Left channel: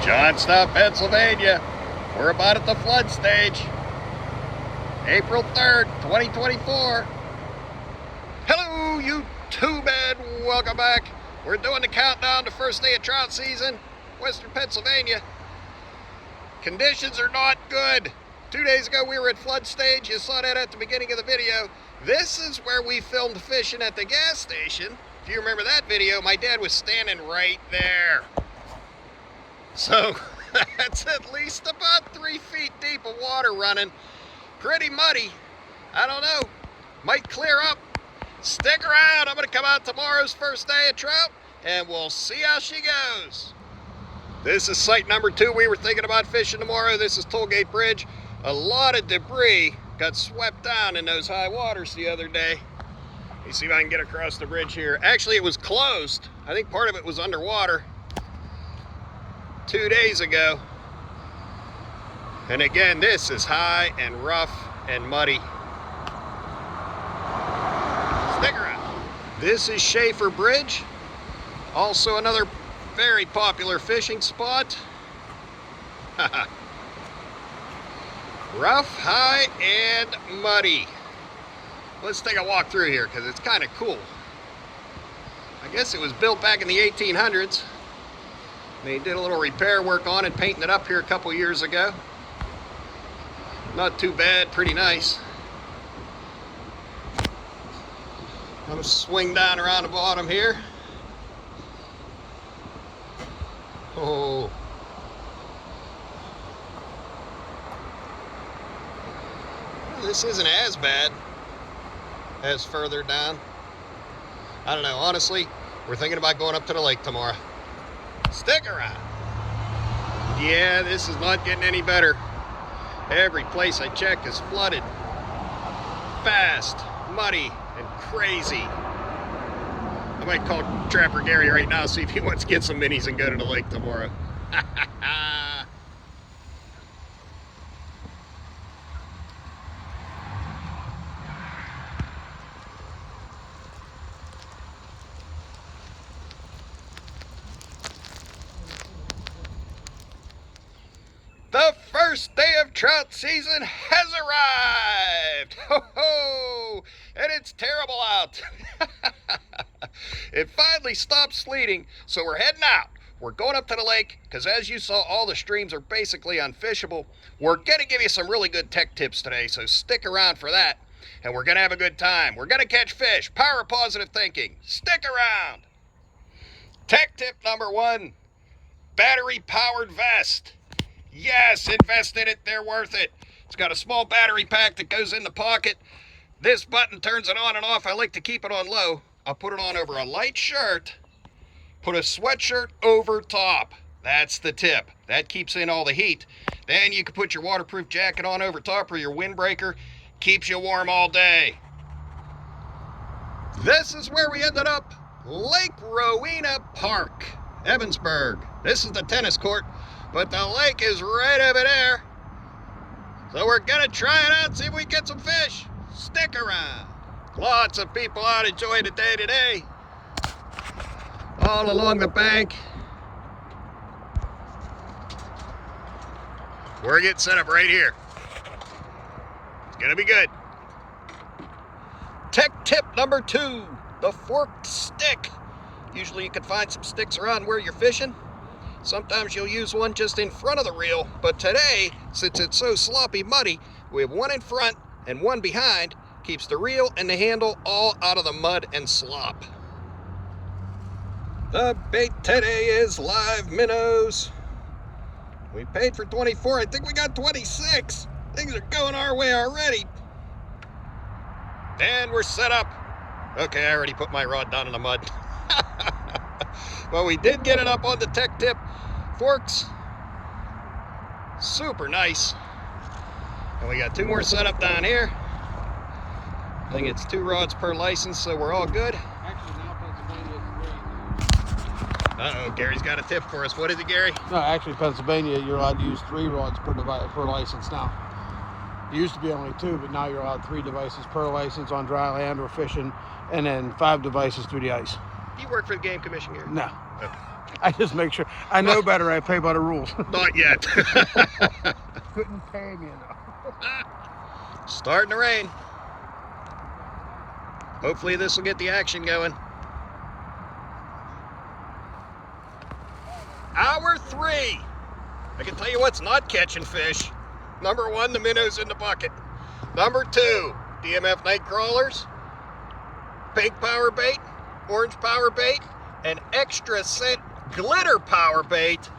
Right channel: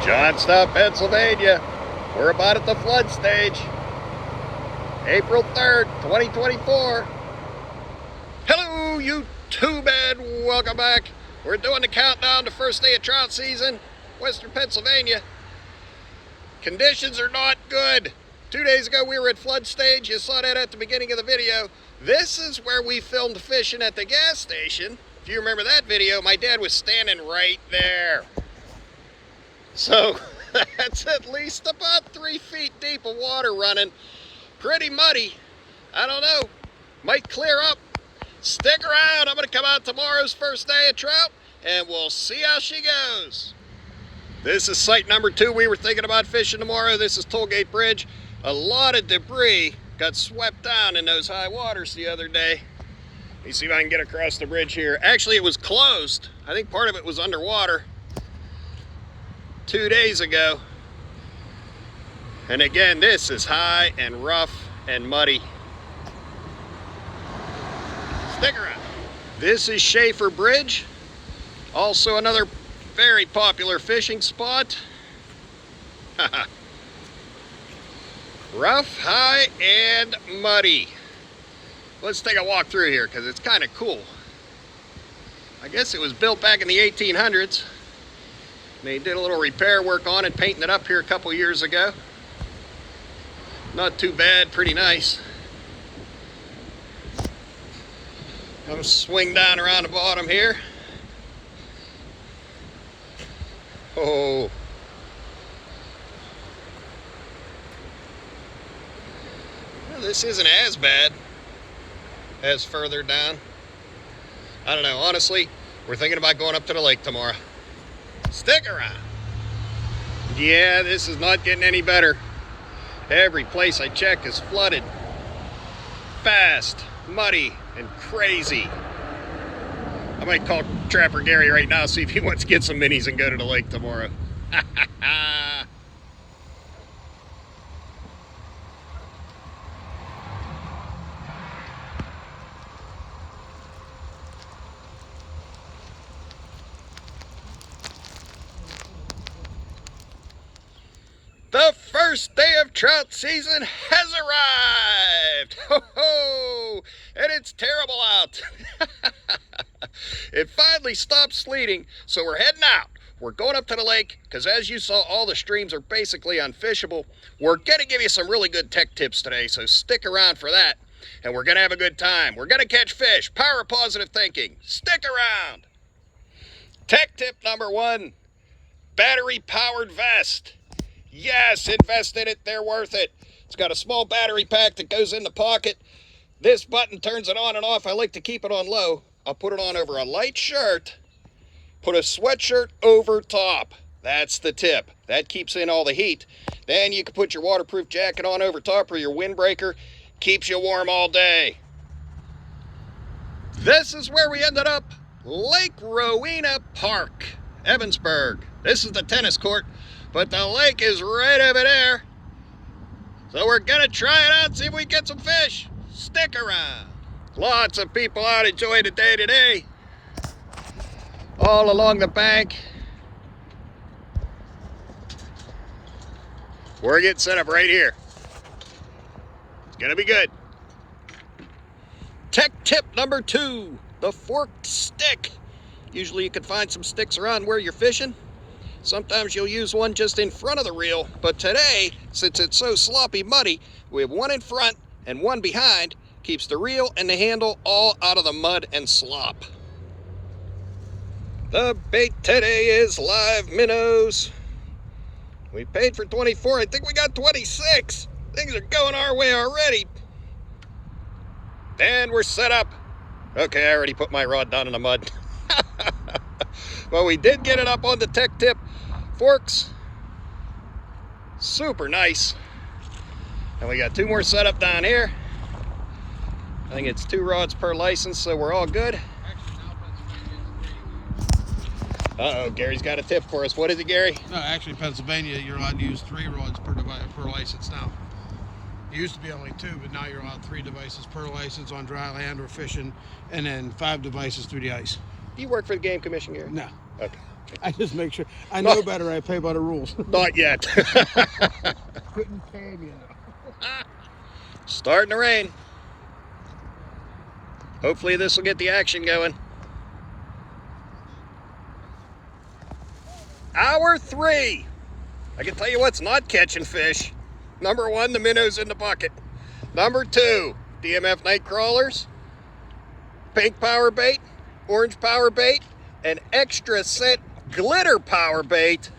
Johnstown, Pennsylvania. We're about at the flood stage. April 3rd, 2024. Hello, YouTube, and welcome back. We're doing the countdown to first day of trout season, Western Pennsylvania. Conditions are not good. 2 days ago, we were at flood stage. You saw that at the beginning of the video. This is where we filmed fishing at the gas station. If you remember that video, my dad was standing right there. So that's at least about 3 feet deep of water running. Pretty muddy. I don't know. Might clear up. Stick around. I'm going to come out tomorrow's first day of trout, and we'll see how she goes. This is site number 2. We were thinking about fishing tomorrow. This is Tollgate Bridge. A lot of debris got swept down in those high waters the other day. Let me see if I can get across the bridge here. Actually, it was closed. I think part of it was underwater 2 days ago. And again, this is high and rough and muddy. Stick around. This is Schaefer Bridge. Also another very popular fishing spot. Rough, high, and muddy. Let's take a walk through here because it's kind of cool. I guess it was built back in the 1800s. They did a little repair work on it, painting it up here a couple years ago. Not too bad, pretty nice. I'm gonna swing down around the bottom here. Oh. Well, this isn't as bad as further down. I don't know, honestly, we're thinking about going up to the lake tomorrow. Stick around. Yeah, this is not getting any better. Every place I check is flooded. Fast, muddy, and crazy. I might call Trapper Gary right now, see if he wants to get some minis and go to the lake tomorrow. The first day of trout season has arrived! Ho ho! And it's terrible out. It finally stopped sleeting, so we're heading out. We're going up to the lake, because as you saw, all the streams are basically unfishable. We're going to give you some really good tech tips today, so stick around for that. And we're going to have a good time. We're going to catch fish. Power of positive thinking. Stick around. Tech tip number 1, battery-powered vest. Yes, invest in it, they're worth it. It's got a small battery pack that goes in the pocket. This button turns it on and off. I like to keep it on low. I'll put it on over a light shirt, put a sweatshirt over top. That's the tip. That keeps in all the heat. Then you can put your waterproof jacket on over top or your windbreaker. Keeps you warm all day. This is where we ended up. Lake Rowena Park, Evansburg. This is the tennis court. But the lake is right over there. So we're gonna try it out, see if we get some fish. Stick around. Lots of people out enjoying the day today. All along the bank. We're getting set up right here. It's gonna be good. Tech tip number 2, the forked stick. Usually you can find some sticks around where you're fishing. Sometimes you'll use one just in front of the reel, but today, since it's so sloppy muddy, we have one in front and one behind. Keeps the reel and the handle all out of the mud and slop. The bait today is live minnows. We paid for 24, I think we got 26. Things are going our way already. And we're set up. Okay, I already put my rod down in the mud. Well, we did get it up on the tech tip. Forks, super nice. And we got 2 more set up down here. I think it's 2 rods per license, so we're all good. Uh-oh, Gary's got a tip for us. What is it, Gary? No, actually, Pennsylvania, you're allowed to use 3 rods per license now. It used to be only 2, but now you're allowed 3 devices per license on dry land or fishing, and then 5 devices through the ice. Do you work for the Game Commission, Gary? No. Okay. I just make sure. I know better. I play by the rules. Not yet. Couldn't pay me enough. Starting to rain. Hopefully this will get the action going. Hour 3. I can tell you what's not catching fish. Number 1, the minnows in the bucket. Number 2, DMF night crawlers, pink power bait, orange power bait, and extra scent glitter power bait.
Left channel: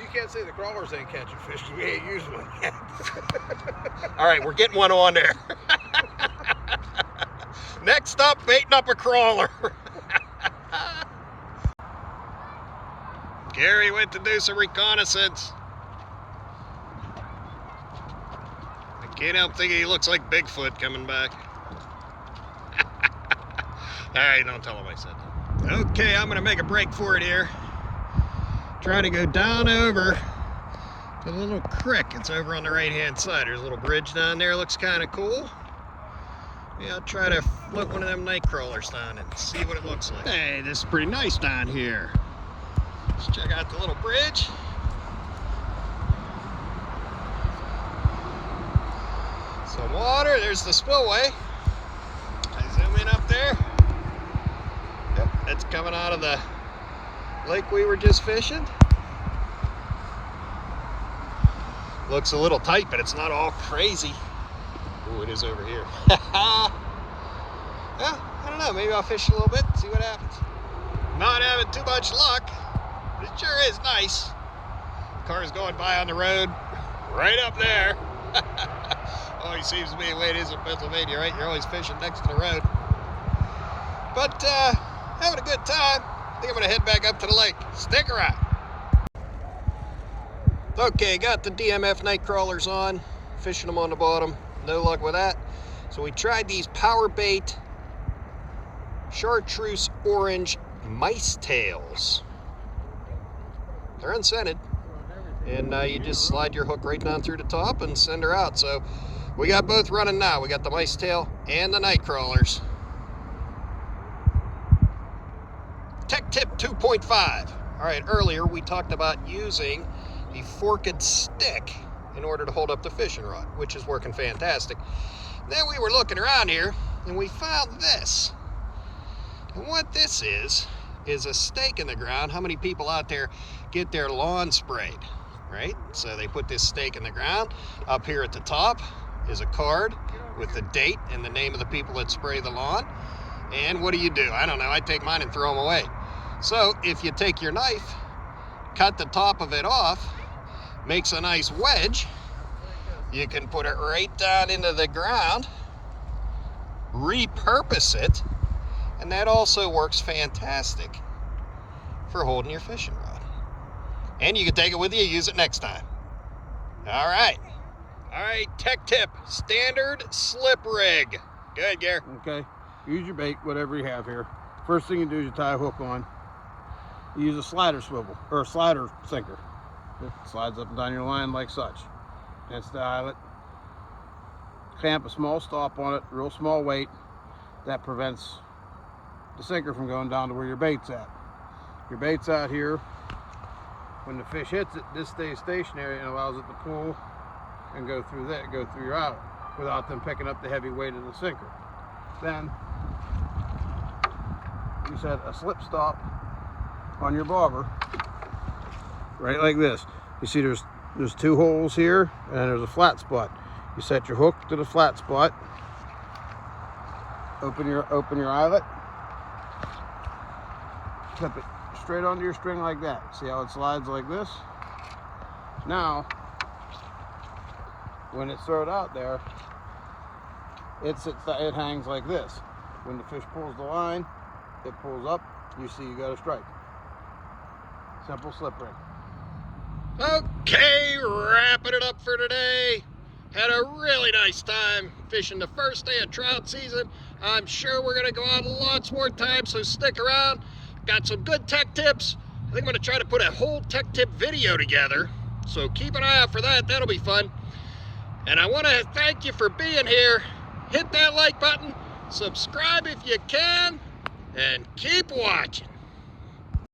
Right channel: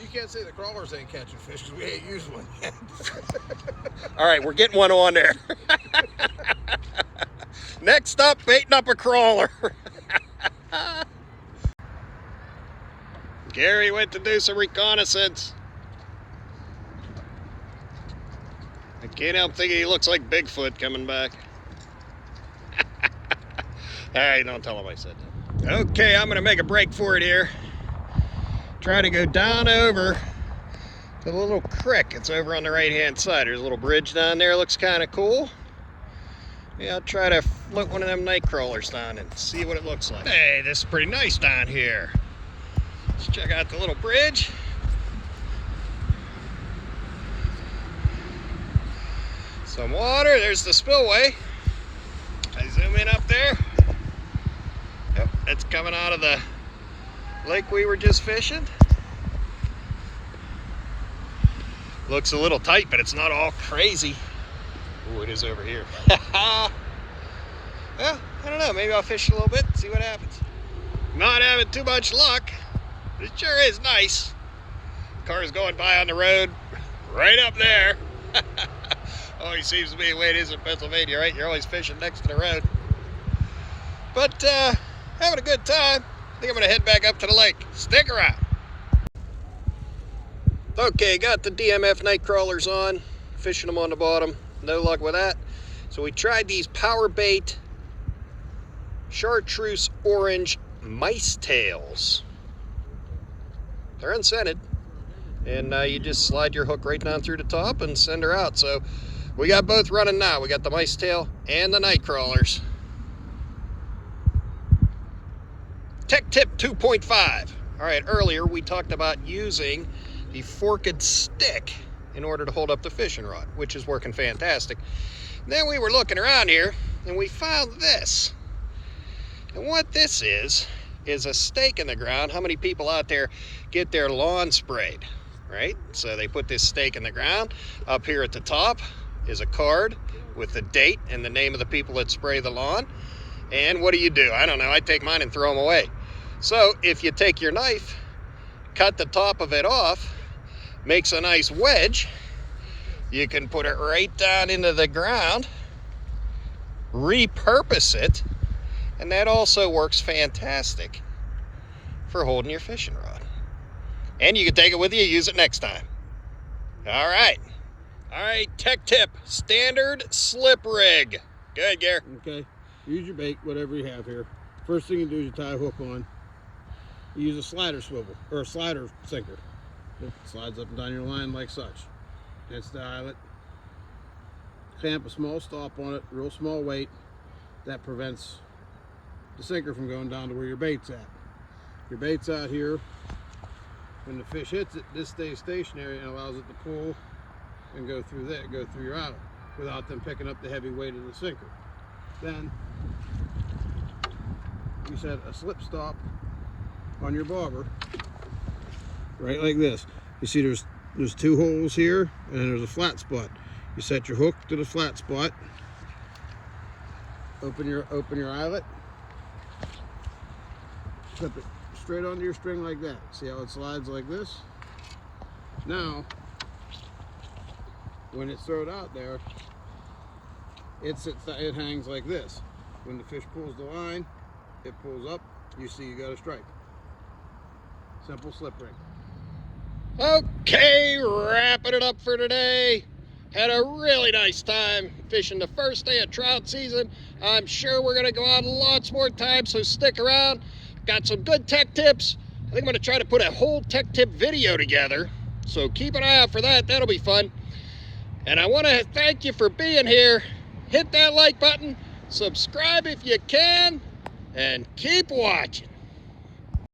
You can't say the crawlers ain't catching fish because we ain't used one yet. All right, we're getting one on there. Next up, baiting up a crawler. Gary went to do some reconnaissance. I can't help thinking he looks like Bigfoot coming back. All right, don't tell him I said that. Okay, I'm gonna make a break for it here. Try to go down over the little creek. It's over on the right-hand side. There's a little bridge down there. Looks kind of cool. Yeah, I'll try to float one of them night crawlers down and see what it looks like. Hey, this is pretty nice down here. Let's check out the little bridge. Some water. There's the spillway. I zoom in up there. Yep, it's coming out of the lake we were just fishing. Looks a little tight, but it's not all crazy. Oh, it is over here. Well, I don't know. Maybe I'll fish a little bit, see what happens. Not having too much luck. It sure is nice. Car's going by on the road right up there. Always seems to be the way it is in Pennsylvania, right? You're always fishing next to the road. But having a good time. I think I'm going to head back up to the lake. Stick around. Okay, got the DMF night crawlers on. Fishing them on the bottom. No luck with that. So we tried these power bait chartreuse orange mice tails. They're unscented. And you just slide your hook right down through the top and send her out. So we got both running now. We got the mice tail and the night crawlers. Tech tip 2.5. All right, earlier we talked about using the forked stick in order to hold up the fishing rod, which is working fantastic. Then we were looking around here and we found this. And what this is a stake in the ground. How many people out there get their lawn sprayed, right? So they put this stake in the ground. Up here at the top is a card with the date and the name of the people that spray the lawn. And what do? I don't know. I take mine and throw them away. So if you take your knife, cut the top of it off, makes a nice wedge. You can put it right down into the ground, repurpose it, and that also works fantastic for holding your fishing rod. And you can take it with you, use it next time. All right, tech tip, standard slip rig. Good, Gary. Okay, use your bait, whatever you have here. First thing you do is you tie a hook on. You use a slider swivel, or a slider sinker. It slides up and down your line like such. That's the eyelet. Clamp a small stop on it, real small weight. That prevents the sinker from going down to where your bait's at. Your bait's out here. When the fish hits it, this stays stationary and allows it to pull and go through your eyelet without them picking up the heavy weight of the sinker. Then you set a slip stop on your bobber, right like this. You see there's 2 holes here and there's a flat spot. You set your hook to the flat spot, open your eyelet, clip it straight onto your string like that. See how it slides like this? Now, when it's thrown out there, it hangs like this. When the fish pulls the line, it pulls up, you see you got a strike. Simple slip rig. Okay, wrapping it up for today. Had a really nice time fishing the first day of trout season. I'm sure we're gonna go out lots more times, so stick around. Got some good tech tips. I think I'm gonna try to put a whole tech tip video together, so keep an eye out for that. That'll be fun. And I want to thank you for being here. Hit that like button, subscribe if you can, and keep watching.